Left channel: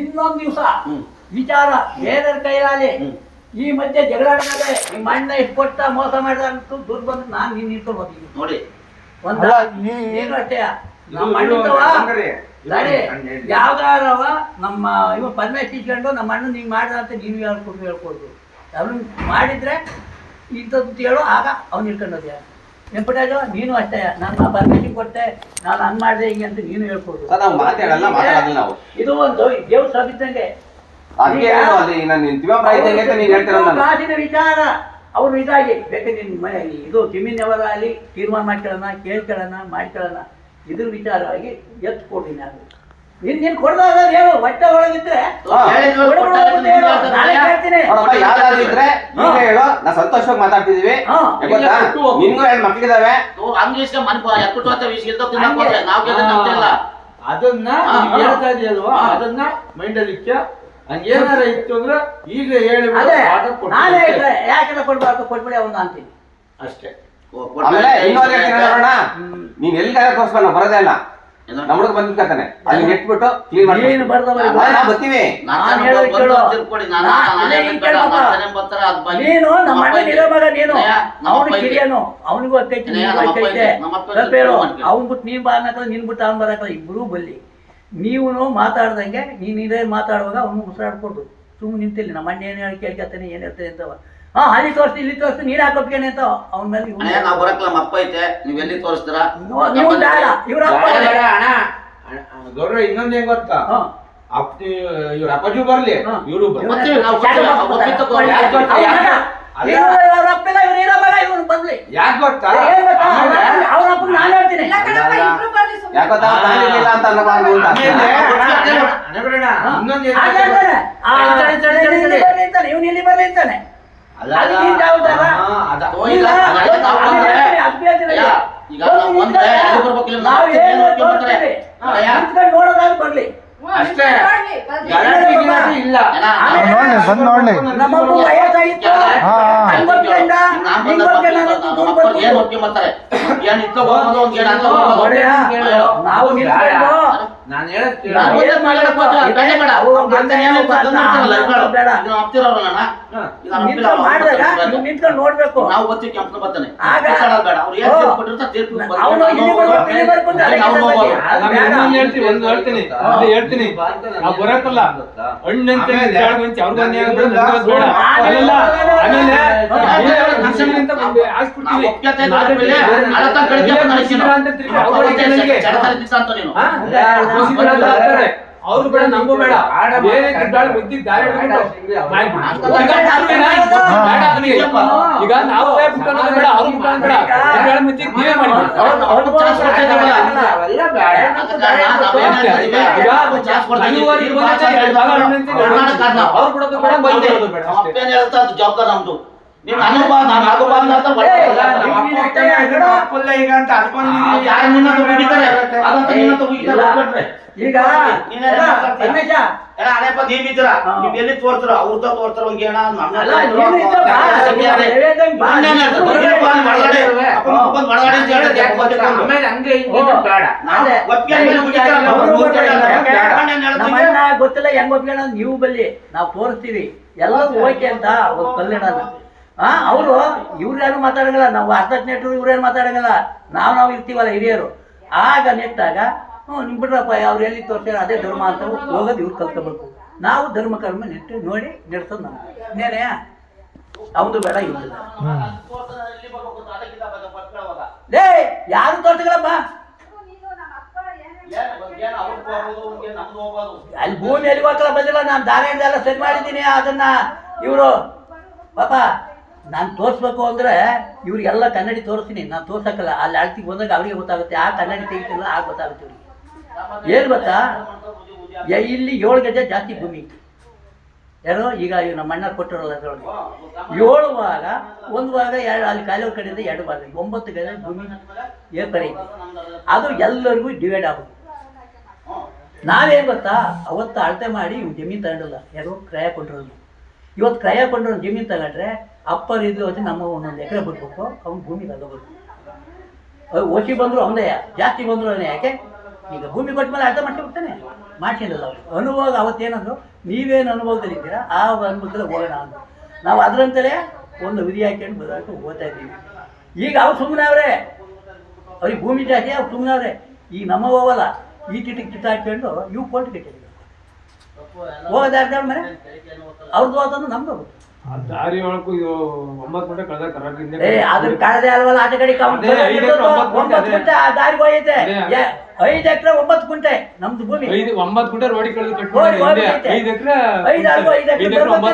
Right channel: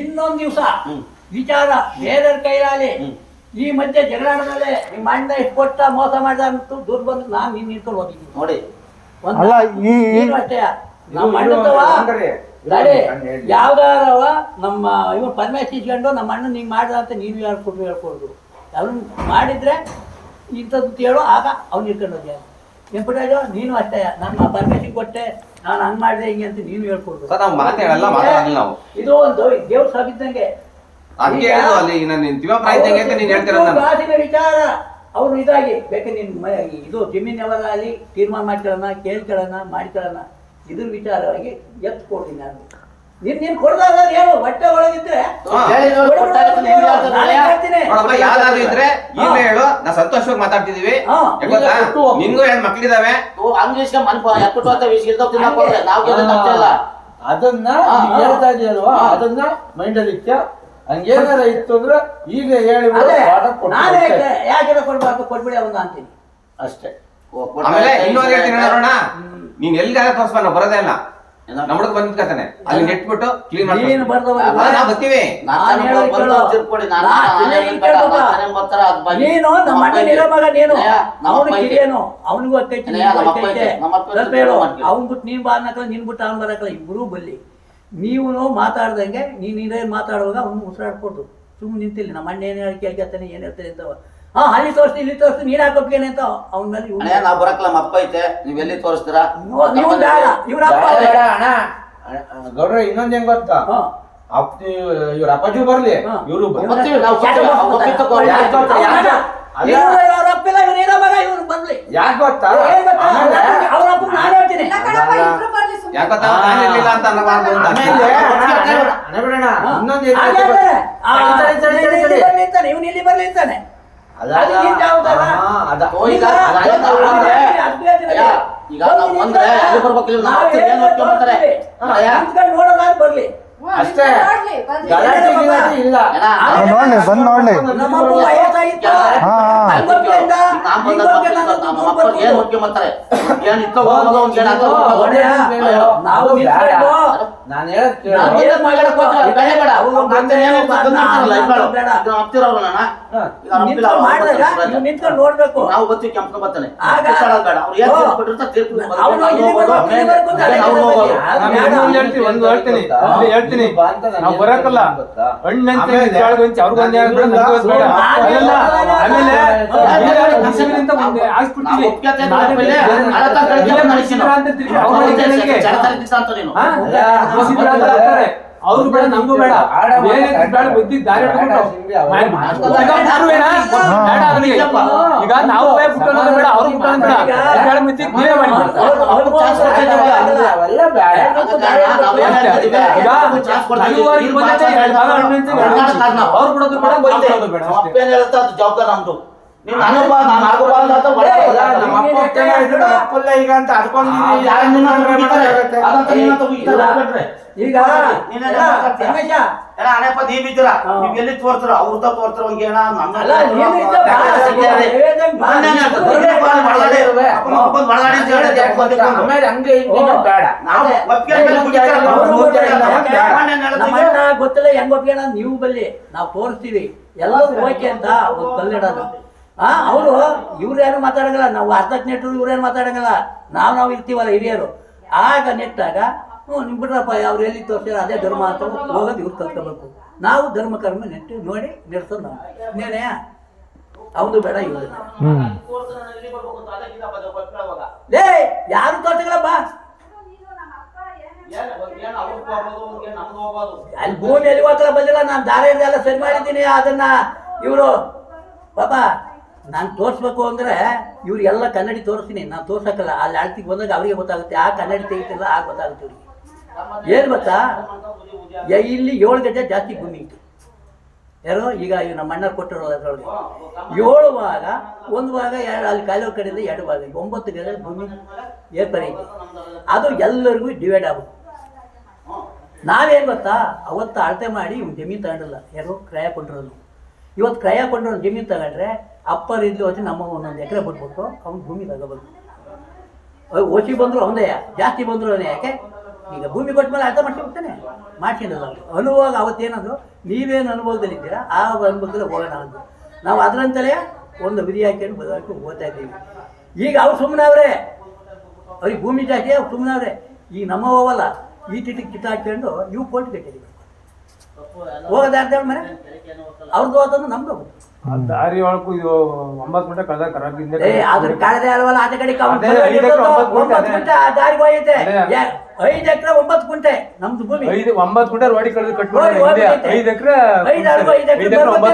ಇನ್ನೊಂದು ದಿವಸ ವಿಚಾರ ಬೇರೆಯವ್ರ ಕೈಯಲ್ಲಿ ಈ ಮಧ್ಯೆ ಜಗಳಾಡಿದಾಗ ನಿಮ್ಮ ಅಣ್ಣ ಇಷ್ಟು ಕೊಟ್ಟ ಮೋಸ ಮಾಡಿದ ಅಂತೂ ದೂರ ಬಂದು ನಾನು ನಿನ್ನ ನಿಂತ್ಕೊಂಡು ಹೋಗಿದ್ದೀನಿ ನೋಡಿ. ನೀನು ಅಷ್ಟೇ ನಮ್ಮ ಅಣ್ಣದವ ಗಾಡಿ ಯಾವ್ದಾರವ ನಮ್ಮ ಇವ್ ಪರ್ಮೇಶ್ ಇಸ್ಕೊಂಡು ನಮ್ಮ ಅಣ್ಣ ಹಿಂಗೆ ಮಾಡ್ದ ಅಂತ ನೀನು ಹೇಳ್ಕೊಡ್ದು ಅವನು ಮಾಡಿದ್ರೆ ಇಂಥದ್ದು ಹೇಳೋ ಆಗ ಅವ್ನು ಇಟ್ಕೊಂಡು ಹೋದ್ಯ ವೆಂಕಟರಾಜು ನೀನು ಅಷ್ಟೇ ನನ್ನ ಪರ್ಮಿಷನ್ ಕೊಟ್ಟೆ ನಾನು ಹಂಗೆ ಮಾಡಿದೆ ಹಿಂಗೆ ಅಂತ ನೀನು ಹೇಳ್ಕೊಡ್ದು. ಇದು ಒಂದು ದೇವ್ರ ಸಬಿದ್ದಂಗೆ ಕಾಸಿನ ವಿಚಾರ ಅವ್ರು ಇದಾಗಿ ಬೇಕಾದ್ರೆ ನಿನ್ನ ಇದು ಜಮೀನ್ ಯಾವಾಗ ಅಲ್ಲಿ ತೀರ್ಮಾನ ಮಾಡ್ಕೊಳ್ಳೋಣ ಕೇಳ್ಕೊಳ್ಳೋಣ ಮಾಡ್ಕೊಳ್ಳೋಣ ಇದ್ರ ವಿಚಾರವಾಗಿ ಎತ್ತು ಕೊಡ್ತೀನಿ ನಾನು ನೀನು ಕೊಡ್ದಾಗ ಹೇಳು ಹೊಟ್ಟೆ ಒಳಗಿದ್ರೆ ಹೇಳು ನಾ ಸಂತೋಷವಾಗಿ ಮಾತಾಡ್ತಿದೀವಿ. ನಿನ್ಗೂ 2 ಮಕ್ಳಿದಾವೆ ಅದನ್ನ ಹೇಳ್ತಾ ಇದೆಯಲ್ವಾ ಅದನ್ನ ಮೈಂಡಲ್ಲಿ ಇಟ್ಟ ಹಂಗೇನಾರ ಇತ್ತು ಅಂದ್ರೆ ಈಗ ಹೇಳಿ ಯಾಕೆ ಕೊಡ್ಬಿಡಿ ಅವನ್ನ ಅಂತೀನಿ ಅಷ್ಟೇ. ಆಮೇಲೆ ಇನ್ನೊಂದು ನೀನ್ ಎಲ್ಲಿಗಾರ ತೋರಿಸ್ಬ ನಾವು ಬರೋದೇ ಇಲ್ಲ ನಮ್ಮ ಹುಡುಗ ಬಂದಿರ್ತಾನೆ ಅಲ್ಲಿ ನೆಟ್ಬಿಟ್ಟು ಕ್ಲೀನ್ ಮಾಡಿ ನಾವು ಬರ್ತೀವಿ. ನೀನು ನಮ್ಮ ಅಣ್ಣ ಇರೋ ಮಗ ನೀನು ಅವನು ಕಿರಿಯನು ಅವನಿಗೂ ಅಕ್ಕೈತೆ ಸ್ವಲ್ಪ ಹೇಳು ಅವ್ನ್ ಬಿಟ್ಟು ನೀನ್ ಬಾ ಅನ್ನಕ ನಿನ್ ಬಿಟ್ಟು ಅವ್ನು ಬರಕಲ್ಲ ಇಬ್ರು ಬಲ್ಲಿ ನೀವು ಮಾತಾಡ್ದಂಗೆ ನೀನು ಇದೇ ಮಾತಾಡುವಾಗ ಅವ್ನು ಉಸಿರಾಡ್ಕೊಡ್ದು ಸುಮ್ಮನೆ ನಿಂತಿಲ್ಲ ನಮ್ಮ ಅಣ್ಣ ಏನು ಹೇಳಿ ಕೇಳ್ಕೊತಾನೆ ಏನು ಹೇಳ್ತಾರೆ ಅಂತವ ಅಲ್ಲಿ ತೋರಿಸ್ತೀನಿ ಇಲ್ಲಿ ತೋರಿಸ್ತೀನಿ ನೀನು ಹಾಕೋಕ್ಕೇನೆ ಅಂತ ಅವ್ನ ಮೇಲೆ ನಾವು ಬರಕ್ಲ ನಮ್ಮ ಅಪ್ಪ ಐತೆ ನೀವ್ ಎಲ್ಲಿ ತೋರಿಸ್ತೀರಾ ಇವ್ರ ಅಣ್ಣ ಗೌರವ ಇನ್ನೊಂದ್ ಹೆಂಗ್ ಗೊತ್ತಾ ಇವ್ರ ಅಪ್ಪಾಜಿ ಬರ್ಲಿ ಇವ್ರು ಯಾಕೆ ಗೊತ್ತಾ ಇವನು ಇಲ್ಲಿ ಬರ್ಲಿ ಅಂತಾನೆ ನೋಡೋದಾದ್ರೆ ಬರ್ಲಿ ಅಷ್ಟೇ ಇಲ್ಲ ನಮ್ಮಪ್ಪ ವಯಸ್ಸಾಗಿತ್ತು ನಾವು ನಾನು ನಿಂತ್ಕೊಂಡು ನೋಡ್ಬೇಕು ನಾವು ಬರ್ತೀವಿ ಕೆಂಪನ ಬರ್ತಾನೆ ಹೇಳ್ತೀನಿ ನಾವು ಬರಕಲ್ಲ ಹಣ್ಣಂತ ಅವ್ರು ಬೇಡ ನಂಗೂ ಬೇಡ ಬೇರೆ ಬುದ್ಧಿ ದಾರಿ ಈಗ ನಾವು ಬೇಡ ಅವ್ರು ಜವಾಬ್ದಾರ ನಮ್ದು ನೀವು ಅನುಭವ ನಾನು ಆಗಬಾರ್ದು ಅಂತ ಈಗ ಅಂತ ಈಗ ಅನೇಪ ನೀವಿದ್ದೀರಾ ನೀವ್ ಎಲ್ಲಿ ತೋರ್ತಾರ ಅವ್ರದ ತೋರ್ತಾರ ಗೊತ್ತಿಲ್ಲ ಹೆಂಗ್ ಒಪ್ಪಿಗೆ ನೀವು ಬಲ್ಲಿ ನಾವು ತೋರಿಸ್ತೀವಿ ಎಲ್ಲರೂ ಓಕೆ ಅಂತ ಒಂದು ಕಲ್ಲಿಡೋಣ ಅವರು ಇವ್ರು ಯಾರು ಮಾತಾಡಂಗಿಲ್ಲ ನಾವು ಅರ್ಧಕ್ಕೆ ನೆಟ್ಟರು ಇವ್ರೇನು ಮಾತಾಡಂಗಿಲ್ಲ ನಾವು ಇರ್ತೀವಲ್ಲ ಹಿರಿಯರು ಆಗ ನೆಟ್ಟಾಗ ನಿಮ್ ಬಿಡ್ರಪ್ಪ ಅವ್ರು ಎಲ್ಲಿ ತೋರ್ಸ್ಯಾರ ಅದೇ ಧರ್ಮ ಅಂತ ಹೋಗೋದು ಇವ್ರು ಕಲ್ತ್ಕೋಬೇಕು ನಾವು ಧರ್ಮ ಕರ್ಮ ನೆಟ್ಟು ನೋಡಿ ನಡೆಸೋದು ನಾವು ಇನ್ನೇನೆ ಅವನು ಬೇಡ ಇವ್ರು ಲೇ ಯಾರು ತೋರ್ಸಗಳಪ್ಪ ಅಲ್ಲಿ ಭೂಮಿಯಲ್ಲಿ ಹೋಗಲ್ಲ ಬಂದಿಲ್ಲ ನಾನು ದಾರಿಯಿಂದ ಎಲ್ಲ ಸರಿ ಮಾಡಿದ್ದೀನಿ ಅದನ್ನ ಇವರು ಪಾಪ ನಾನು ತೋರಿಸ್ಬೇಕು ಅಂದರೆ ಇವ್ರಿಗೆಲ್ಲ ಕನ್ನಡಿ ತೋರಿಸ್ತೀನಿ ನಾನು ತೋರ್ಸಕ್ಕಲ್ಲ ಅಲ್ಲಿ ಅಳ್ತಿಗೆ ಬಂದಾಗ ಅವರಿಗೆ ಗೊತ್ತಾಗುತ್ತೆ ಆ ಕನ್ನಡಿ ತೆಗಿತಿಲ್ಲ ಆಗ ಗೊತ್ತಾಗುತ್ತೆ ಇವ್ರಿಗೆ ಏನು ಗೊತ್ತಾ ಇಲ್ಲಿ 7 ಗಜ ಜಾಸ್ತಿ ಭೂಮಿ ಐತಿ ಯಾರೋ ಈಗ ಇವ್ ನಮ್ಮ ಅಣ್ಣ ಕೊಟ್ಟಿರೋದು ಅದರೊಳಗೆ 7 ಭಾಗ 1 ಭಾಗ ಅಲ್ಲಿ ಕಾಲುವೆ ಕಡೆಯಿಂದ 2 ಭಾಗ 9 ಗಜ ಭೂಮಿ ಏರ್ಪಡೆ ಐತಿ ಅದು ಎಲ್ಲರಿಗೂ ಡಿವೈಡ್ ಆಗುತ್ತೆ ನಾವೇನು ಗೊತ್ತಾ ಅವತ್ತು ಅಳತೆ ಮಾಡಿ ಇವ್ನು ಜಮೀನು ತಗೊಂಡಿಲ್ಲ ಯಾರೋ ಕ್ರಯ ಕೊಂಡಿರೋದು ಇವತ್ತು ಕ್ರಯ ಕೊಂಡಿರೋ ಜಮೀನು ತಗೊಂಡ್ರೆ ಅಪ್ಪರ್ ಇದ್ಲು ಹೊತ್ತು ನಮ್ಮ 1 ಎಕರೆ ಬಿಟ್ಬಿಟ್ಟು ಅವ್ನು ಭೂಮಿ ತಗೋಬೇಕು ಓಸಿ ಬಂದರು ಅವನದೇ ಜಾಸ್ತಿ ಬಂದರು ಯಾಕೆ ಈಗ ಭೂಮಿ ಕೊಟ್ಟ ಮೇಲೆ ಅರ್ಥ ಮಾಡ್ಸಿ ಹೋಗ್ತಾನೆ ಮಾಡ್ಸಿರಲ್ಲ ಅವರು ಅನುಭವ ಅವತ್ತೇನಾದ್ರು ನೀವೇನು ಅನುಭವದಲ್ಲಿದ್ದೀರಾ ಆ ಅನುಭವದಲ್ಲಿ ಹೋಗೋಣ ಅಂದರು. ನಾವು ಅದರಂತಲೇ ಒಂದು ವಿಧಿ ಹಾಕ್ಕೊಂಡು ಬದಲಾಗಿ ಹೋಗ್ತಾ ಇದ್ದೀವಿ. ಈಗ ಅವ್ರು ಸುಮ್ಮನೆ ಅವರೇ, ಅವ್ರಿಗೆ ಭೂಮಿ ಜಾಸ್ತಿ ಅವ್ರು ಸುಮ್ಮನೆ ಅವರೇ. ಈಗ ನಮ್ಮ ಹೋಗಲ್ಲ ಈ ತಿಟ್ಟಿಗೆ ಕಿತ್ತಾಕೊಂಡು ಇವು ಕೊಟ್ಟು ಕಟ್ಟಿದ್ದೀವಿ. ಹೋಗೋದಾರ್ದ ಮನೆ ಅವ್ರದ್ದು ಹೋದನ್ನು ನಮ್ದು ಹೋಗುತ್ತೆ. ದಾರಿ ಒಳಗೂ 9 ಗಂಟೆ ಕಳೆದ ಕರಾಬಿಂದ ಅದ್ರ ಕಳೆದೇ ಅಲ್ವಲ್ಲ, ಆಚೆ ಕಡೆ 9 ಗುಂಟೆ ಆ ದಾರಿಗೆ ಹೋಗೈತೆ. 5 ಎಕರೆ 9 ಗುಂಟೆ ನಮ್ದು ಭೂಮಿ. 9 ಗುಂಟೆ ರೋಡಿ ಕಳೆದು ಕಟ್ಟಿ 5 ಎಕರೆ 9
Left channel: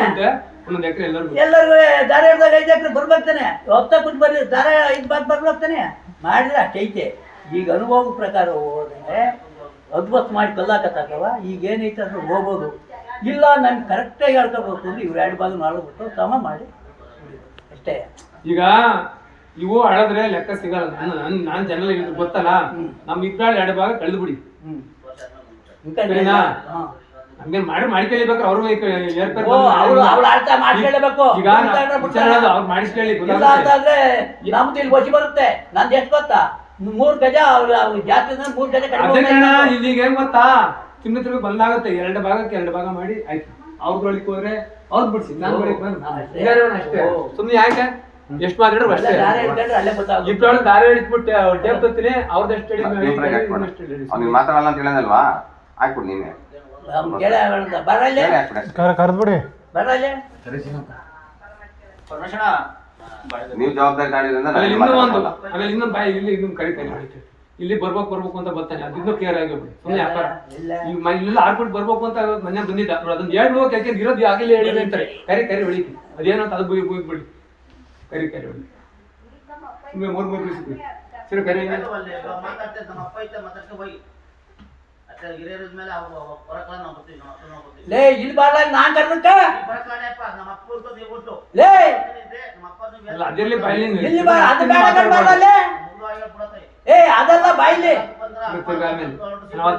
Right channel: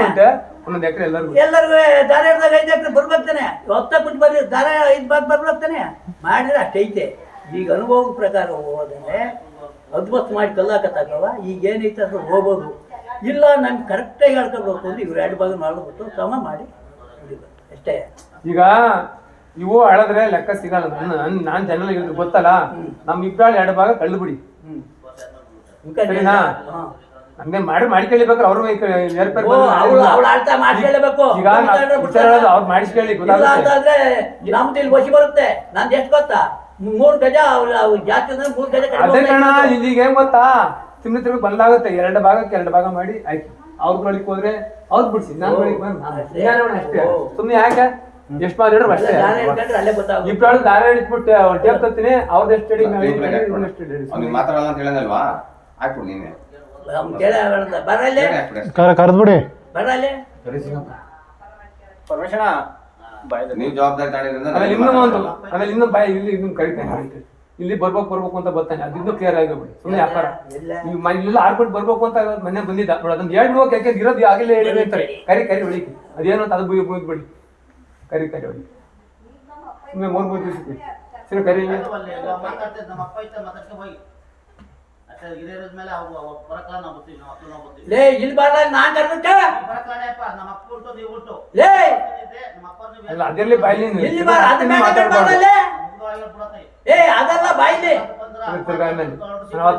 ಗುಂಟೆ 1 ಎಕರೆ ಎಲ್ಲರಿಗೂ ದಾರ ಹಿಡ್ದಾಗ 5 ಎಕರೆ ಬರ್ಬೇಕಾನೆ. 10 ಗುಂಟೆ ಬರ್ಲಿ ದಾರ 5 ಬಾತ್ ಬರ್ಬೇಕಾನೆ ಮಾಡಿದ್ರೆ ಅಷ್ಟೈತೆ. ಈಗ ಅನುಭವದ ಪ್ರಕಾರ ಹೋದ್ರೆ ಅದ್ಭುತ ಮಾಡಿ ಕಲ್ಲಾಕತ್ತಾಗವ. ಈಗ ಏನೈತೆ ಅಂದ್ರೆ ಹೋಗ್ಬೋದು. ಇಲ್ಲ ನಮ್ಗೆ ಕರೆಕ್ಟಾಗಿ ಹೇಳ್ಕೊಬೇಕು ಅಂದ್ರೆ ಇವ್ರು 2 ಭಾಗ 4 ಬಿಟ್ಟು ಸಮ ಮಾಡಿ ಅಷ್ಟೇ. ಈಗ ಇವು ಹಳದ್ರೆ ಲೆಕ್ಕ ಸಿಗಲ್ಲ. ನಾನು ಜನರಲ್ ಗೊತ್ತಲ್ಲ, ನಮ್ ಇಬ್ಬರು 2 ಭಾಗ ಕಳೆದು ಬಿಡಿ. ಸರಿನಾ? ನಮ್ಗೆ ಮಾಡ್ಕೊಳ್ಳಿಬೇಕಾದ್ರೆ ಅವ್ರು ಅವ್ಳು ಅರ್ಥ ಮಾಡ್ಕೊಳ್ಳೇಬೇಕು. ಈಗ ಅವ್ರು ಮಾಡಿಸ್ಕೊಳ್ಳಿ ಇಲ್ಲ ಅಂತಂದ್ರೆ ನಮ್ದು ಇಲ್ಲಿ ವಶಿ ಬರುತ್ತೆ. ನಂದು ಎಷ್ಟು ಗೊತ್ತಾ, 3 ಗಜ ಜಾಸ್ತಿ 3 ಗಜ ಅದೇ ಕಾರಣ. ಈಗ ಹೆಂಗ್ ಗೊತ್ತಾ, ತಿಮ್ಮಿ ತಿರುಗಿ ಬಂದಾಗುತ್ತೆ 2 ಭಾಗಕ್ಕೆ 2 ಭಾಗ ಮಾಡಿ ಆಯ್ತು. ಅವ್ರ ಬಳಿಕ್ ಹೋದ್ರೆ ಅವ್ರು ಬಿಡ್ಸಿ, ನಾನು ಬಳಿಕ್ ಬಂದು ಅಷ್ಟೇ. ಸುಮ್ನೆ ಯಾಕೆ ಎಷ್ಟು ಮಾತಾಡ್ರು ಅಷ್ಟೇ. ಅಲ್ಲೇ ಗೊತ್ತಾಗ ಇಬ್ಬರು ದಾರ ಹಿಡಿದ್ಬಿಟ್ಟು ಟೇಪ್ ತತ್ತೀನಿ ಅವ್ರದ್ದು ಅವ್ನಿಗೆ ಮಾತಾಡಲ್ಲ ಅಂತ ಹೇಳಿದಲ್ವಾ, ಹಾಕ್ಬಿಡು ನೀನೆ ಕೇಳ ಬರಲ್ಲೇ ಕರೆದ್ಬಿಡಿ ಬರಲ್ಲೇ. ಪರಮೇಶಣ್ಣ ನೀವು ಜವಾಬ್ದಾರಿ ತಗೊಂಡಿದ್ರಿಂದ ಆಮೇಲೆ ಇನ್ನೊಂದು ಬಾಯಿ ಇಲ್ಲಿ ಇನ್ನೊಂದು ಕರಿತಾನೆ. ಇಲ್ಲಿ ಬರ್ಬೇಕು ಅಂತ ಬರ್ತಾನೆ. ಅದಿನ್ನೂ ಕ್ಲಿಯರ್ ಆಗಿಬಿಡಿ. ಸುಮ್ಮನೆ ವ್ಯಾಪಾರ ಈಗ ಇಲ್ಲೆಲ್ಲ ಆರ್ಕೊಂಡು ಬರ್ಬೇಕು ಅಂತ ಮನೆ ಬಂದಿದ್ದ ನೋಡಿ. ಅದೊಂದು 2 ಹೋಗಿ ಯಾಕೆ ಇರೋದು ಆಗಿಲ್ಲ ಹೇಳಿದ್ರೆ ಅಂತಾರೆ. ಕರಿ ಹೊಳಿತಿ ಅದೇನು ಅಂತ ಅದು ಬಿಡಿ. ಕರಿ ಹೊಳಿ ಸುಮ್ಮನೆ 3 ದಿವಸ ಸರಿ ಕರಿ. ಲೇ ಇಲ್ಲಿ ಬಾರ ನಾನ್ ಕರ್ಬೇಕ ಲೇ ಅಲ್ಲ ಅದರಲ್ಲಿ ಬಾಯಿಲಿ ಇಲ್ಲಿ ಬಾರ ಅದು ಮಾತಾಡಲ್ಲೇ. ಏ ಅದಲ್ಲ ಬಾಯಿಲಿ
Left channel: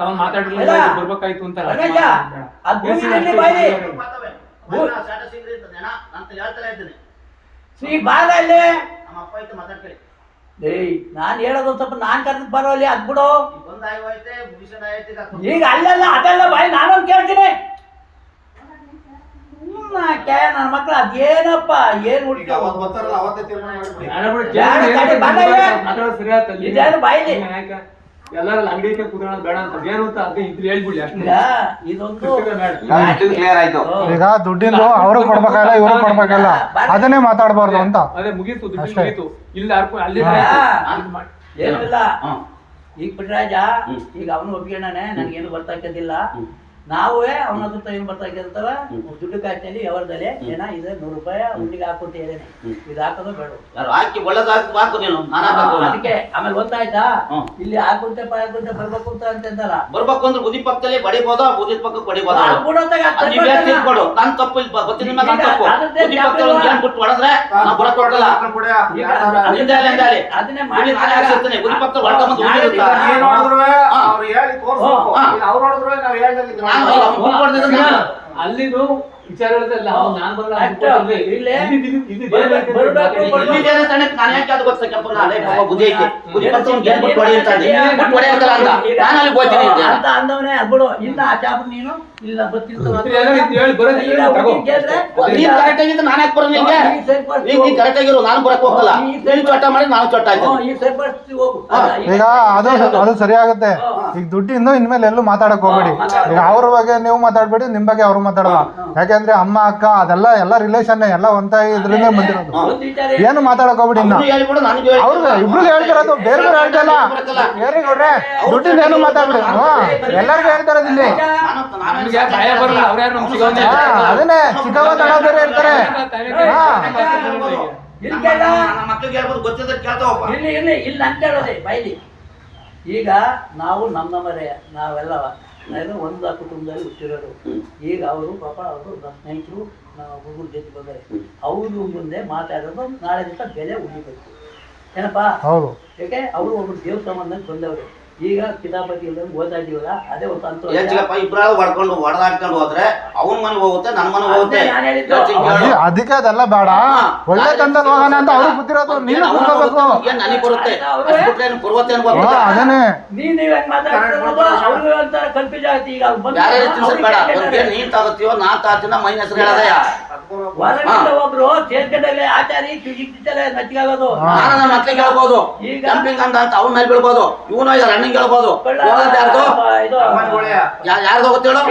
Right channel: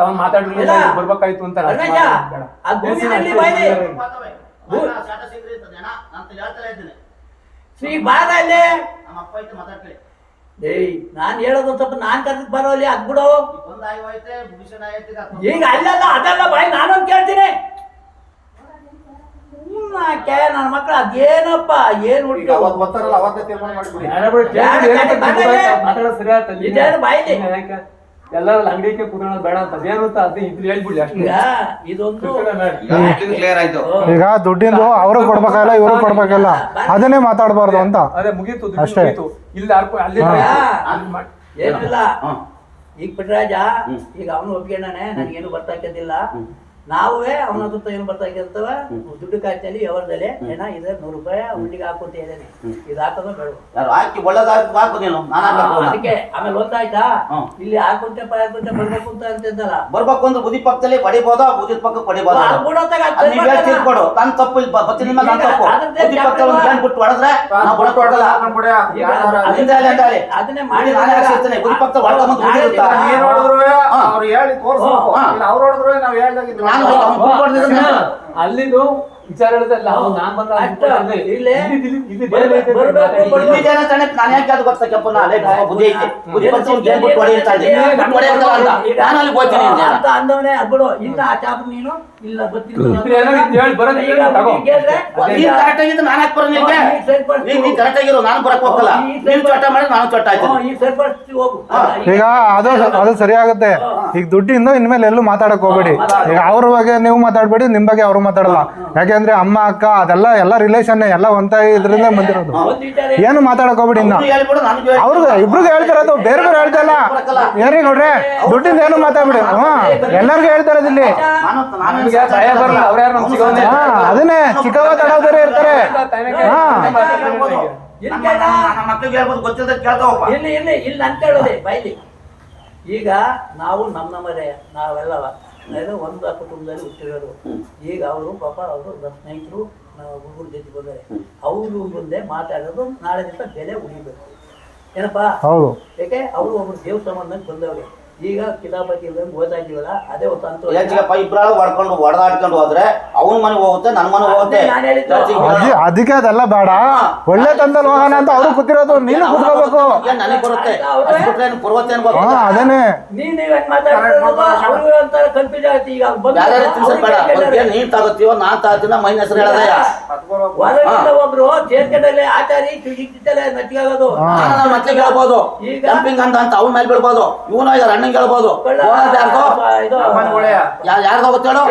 ಅವನ್ ಮಾತಾಡ್ಲಿಲ್ಲ ಬರ್ಬೇಕಾಯ್ತು ಅಂತ ಆ ಭೂಮಿನಲ್ಲಿ ಬಾಯಿಲಿ ಶ್ರೀ ಬಾದ ಅಲ್ಲೇ. ಏಯ್ ನಾನ್ ಹೇಳೋದು ಸ್ವಲ್ಪ ನಾನ್ ಕರ್ದಕ್ ಬರೋಲ್ಲಿ ಅದ್ ಬಿಡು. ಈಗ ಅಲ್ಲಲ್ಲ ಅದಲ್ಲ ಬಾಯಿ ನಾನೊಂದು ಕೇಳ್ತೀನಿ. ನನ್ನ ಮಕ್ಳು ಅದೇನಪ್ಪ ಏನ್ ಇದೇನು ಬಾಯಿಲಿ ಎಲ್ಲಾರು ಅಂಗಡಿಗೆ ಕೂತ್ಕೊಳ್ಳೋದು ಬೇಡ ಅಂತ ಏನು ಅಂತ ಅದು ಇಬ್ರು ಹೇಳ್ಬಿಡ್ಲಿ ಅಷ್ಟೇ. ಇದೊಂದು ಕ್ಲಿಯರ್ ಆಯ್ತು. ಈಗ ದುಡ್ಡಿಂದ ಅವ್ರಿಗೆ ಕೊಡ್ಬೇಕಲ್ಲ ಇವ್ರಿಗೆ ಕೊಡ್ಬೇಕಲ್ಲ ಅದನ್ನೇ ಮಾತಾಡಬಾರ್ದು ಅಂತ. ಅದೇ ಮುಗೀತು ಮುಗೀತು. ಇಲ್ಲ ಅಲ್ಲಿ ಏನಿಲ್ಲ. ಈಗ ಪುಟ್ಟರಾಜ ಈಗ ಅವನು ಒಪ್ಕೊಂಡಾನೆ, ನನಗೇನು ಬರ್ತಾಕಿದ್ದಿಲ್ಲ. ನಾವೇ ಅವನ ಹತ್ರ ಏನು ಬರ್ತಾಕಿರ್ತವ ದುಡ್ಡು ಕಾಯ್ತೇಲಿ ವ್ಯವಹಾರದಲ್ಲಿ ಏನ ಇದೆ 100 ರೂಪಾಯಿ ಹುಡ್ಲಿಗೆ ಹಾಕುಂತ ಹೇಳೇನೆ. ಇದು ಹಾಕೋದ ಬೇಡ ಹಾಕಿ ಒಳ್ಳೇದಾಕು ನೀನು. ಅದಕ್ಕೆ ಆಮೇಲೆ ಗೊತ್ತಾಯ್ತಾ ಇಲ್ಲಿ ಹಾಕುಂಟೆ ಬರ್ಬೇಕು ಅಂತ ಅಂತಿದ್ದಲ್ಲ. ಬರ್ಬೇಕು ಅಂದ್ರೆ ಬುದ್ಧಿ ಪಕ್ಕದಲ್ಲಿ ಹೊಡಿಬೋದಾ, ಬುದ್ಧಿ ಪಕ್ಕ ಹೊಡಿಬೋದ? ನನ್ ತಪ್ಪು ಇಲ್ಲ ಬತ್ತಿ ನಿಮ್ಮ ನನ್ ತಪ್ಪು. ಬುದ್ಧಿ ಪಕ್ಕದಲ್ಲಿ ಬಿಟ್ಟು ಹೊಡೆದ್ರೆ ನಾವು ಬರಕ್ ಹೋಗಲ್ಲ. ಅದನ್ನೇ ಮಾಡಿ ಬುದ್ಧಿ ಪಕ್ಕ ಹೊಡ್ಕೊಂಡ್ಬಂದು ಅವ್ರು ಹೇಳಿ ತೋರಿಸ್ಬೇಕು. ಅವ್ರು ಹೊಡೆದ್ರು ನಾವು ಹೇಳ್ದಾಗಿದ್ದು ಅಲ್ಲಿದು ವಿಚಾರಗಳಲ್ಲ. ನಾನ್ ಬಂದ ನಾನು ಯಾಕೆ ಅದು ಗೊತ್ತಾ ಕೆಂಪನ ಬುದ್ಧಿ ಐತೆ ಬುದ್ಧಿ ಪಕ್ಕ ಹೊಡಿ ಅಂತ ನಾನು ಅಲ್ಲಿ ಹೋಗ್ತೀನಿ ಅಂತ ಅಂದವನೇ ಅದ್ಬಿಡು. ಇನ್ನ ಆ ಚಾಪ ನೀನು ಇಲ್ಲ ನೀನ್ ಕರೆಕ್ಟ್ ಆಗಿದ್ದು ನಾನು ಯಾಕೆ ಬರೋ ನಿನ್ಗೆ? ನೀನ್ ಕರೆಕ್ಟ್ ಆಗಿರು, ನಾನು ಬರಕ್ ಹೋಗಲ್ಲ. ನೀನ್ ಚೊಟ್ಟ ಮಾಡಿ ನಾನು ಚೊಟ್ಟ ಆಯ್ತು. ಈಗ ಅದು ಸರಿ ಆಗುತ್ತೆ. ಈಗ ದುಡ್ಡಿಂದ ಇನ್ಮೇಲೆ ಎಲ್ಲೂ ಮಾತಾಡಕ್ ಹೋಗ್ಬೇಡಿ. ಈಗ ಅವ್ರ ಬಗ್ಗೆ ನೀವು ಮಾತಾಡ್ಬೇಡಿ, ನಿಮ್ ಬಗ್ಗೆ ಅವ್ರು ಮಾತಾಡೋಣ. ಯಾಕಂದ್ರೆ ಅಮ್ಮ ಅಕ್ಕ ಅದೆಲ್ಲ ಎಲ್ಲ ರಿಲೇಷನ್ ಎಲ್ಲ ಒಂದ ಇದರಿಂದ ಬಂದಿರೋದು. ಏನು ಮಾತಾಡಕ್ ಹೋಗ್ಬಿಡಿ. ಇಬ್ರಿಗೆ ಹೇಳ್ತಿರೋದು ಬೇರೆ ಹೇಳ್ತಲ್ಲ. ಏರಿ ನೋಡ್ರಿ ದುಡ್ಡಿಂದ ಏನು ಮಾತಾಡ್ಬಿಡಿ. ಎಲ್ಲರಿಗೂ ಹೇಳ್ತಾರದಿಲ್ಲಿ. ಅದನ್ನೇ ಚಿಕ್ಕವ ದೊಡ್ಡವರೇ ಇರ್ತಾರೆ. ಇಲ್ಲಿ ಇಲ್ಲಿ ಇಲ್ಲಿ ಅಂತ ಹೇಳೋದೆ ಬೈಲಿ. ಈಗ ನಾವು ನಮ್ಮರೇ ನಾವೆಲ್ಲವ ಒಂದು ಕುಟುಂಬದಲ್ಲಿ ಹುಟ್ಟಿರೋರು. ಈಗ ಅವರು ಪಾಪ ಅವರು ಸ್ನೇಹಿತರು ಹುಡುಗರು ಜೊತೆ ಬಂದರೆ ಅವರು ಮುಂದೆ ಮಾತಾಡೋದು ನಾಳೆ ದಿವಸ ಬೆಲೆ ಉಳಿಬೇಕು ಏನಪ್ಪಾ. ಯಾಕೆ ಅವರು ಒಬ್ರು ದೇವ್ ಸಂಬಂಧ ಬಂದವ್ರೆ. ಈಗ ಕಿತಾಪತಿ ಇಲ್ಲದಂಗೆ ಓದಾ ಇದೀವಲ್ಲ ಅದೇ ಒಂದು ಇಬ್ರಾಳು ಹೊಡ್ಕೊಂಡು ಹೊಡೆದಾಡ್ಕೊಂಡು ಹೋದ್ರೆ ಅವನ ಮನೆ ಹೋಗುತ್ತೆ, ನನ್ನ ಮನೆ ಹೋಗುತ್ತೆ. ಅದೇ ನಾನ್ ಹೇಳಿದ್ದು. ಹೇಳ್ತೀನಿ ಕೇಳು. ಅದಕ್ಕೆ ಅದೆಲ್ಲ ಬೇಡ, ಒಳ್ಳೆ ತಂದಲ್ಲಿ ಹೋಗೋಣ ಅಂತ ಅವ್ರು ಗೊತ್ತಿರೋದು, ನೀನು ಕೂತ್ಕೋಬೇಕು. ಏನ್ ನನಗೆ ಬರುತ್ತೆ ಅವ್ರೇ- ಅಷ್ಟ್ ಬಿಟ್ರೆ ಏನ್ ಬರುತ್ತೇನ್ ಗೊತ್ತಿಲ್ಲ. ಅದೇನೆ ನೀನ್ ಹೆಂಗ್ ಮಾತಾಡ್ತಿರೋದು ಅವ್ರು ಒಂಥರ ಕನ್ಫ್ಯೂಸ್ ಆಗುತ್ತೆ. ಈಗ ಅವ್ರು ಬಂದು ಯಾರ್ಯಾರು ತಿನ್ಸಬೇಡ, ಅವ್ರಿಗೆ ಏನ್ ನೀನ್ ತಗೋತೀವೋ ನಾನ್ ತಗೋತೀನ ಮೈನ ಹೆಸರು ಹೇಳದಯ್ಯ. ಹೊರಗಿಂದ ಒಬ್ರು ಸೇರ್ಕೊಂಡಲ್ಲಿ ಆಚಾರಿ ನಚ್ಚಿಗಾಗೋದು. ನಾನು ನನ್ನ ಮಕ್ಳಿಗೆ ಹೇಳ್ಬೋದು ಈಗ ಜಂಪಿಂಗ್ ಅಂತ ಅವನ ಮೇಲೆ ಬೀಳ್ಬೋದು, ಇವನು ರನ್ನಿಂಗ್ ಹೇಳ್ಬೋದು. ಇದು ಯಾರ್ದೋ ಗೊತ್ತೇಳು,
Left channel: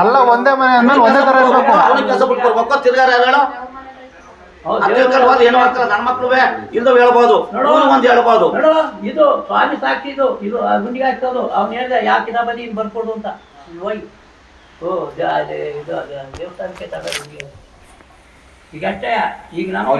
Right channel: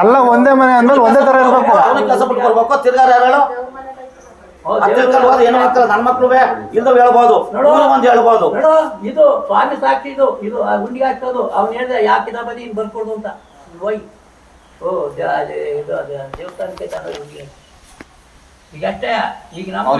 ಎಲ್ಲ ಒಂದೇ ಮನೆ ಅಂದ್ರೆ ಒಂದೇ ತರ ಇರ್ಬೇಕು. ಅವನಿಗೆ ಕೆಲಸ ಬಿಟ್ಟು ಬರ್ಬೇಕು. ತಿರ್ಗಾರ ಯಾರು ಹೆಣ್ಣು ಮಕ್ಕಳು ನನ್ನ ಮಕ್ಳು ಇಲ್ದವ್ ಹೇಳ್ಬೋದು, ಒಂದ್ ಹೇಳ್ಬೋದು. ನೋಡು, ಇದು ಸ್ವಾಮಿ ಸಾಕ್ಷಿ, ಇದು ಇದು ಗುಂಡಿಗೆ ಹಾಕ್ಸೋದು. ಅವ್ನು ಹೇಳಿದ ಯಾವ ಕಿತಾಬದಿ ಇನ್ ಬರ್ಕೊಡು ಅಂತ. ಹೋಯ್ ಓ ಇದು ದೇವಸ್ಥಾನಕ್ಕೆ ಈಗ ಅಷ್ಟೇ. ಈಗ ನಮ್ಮ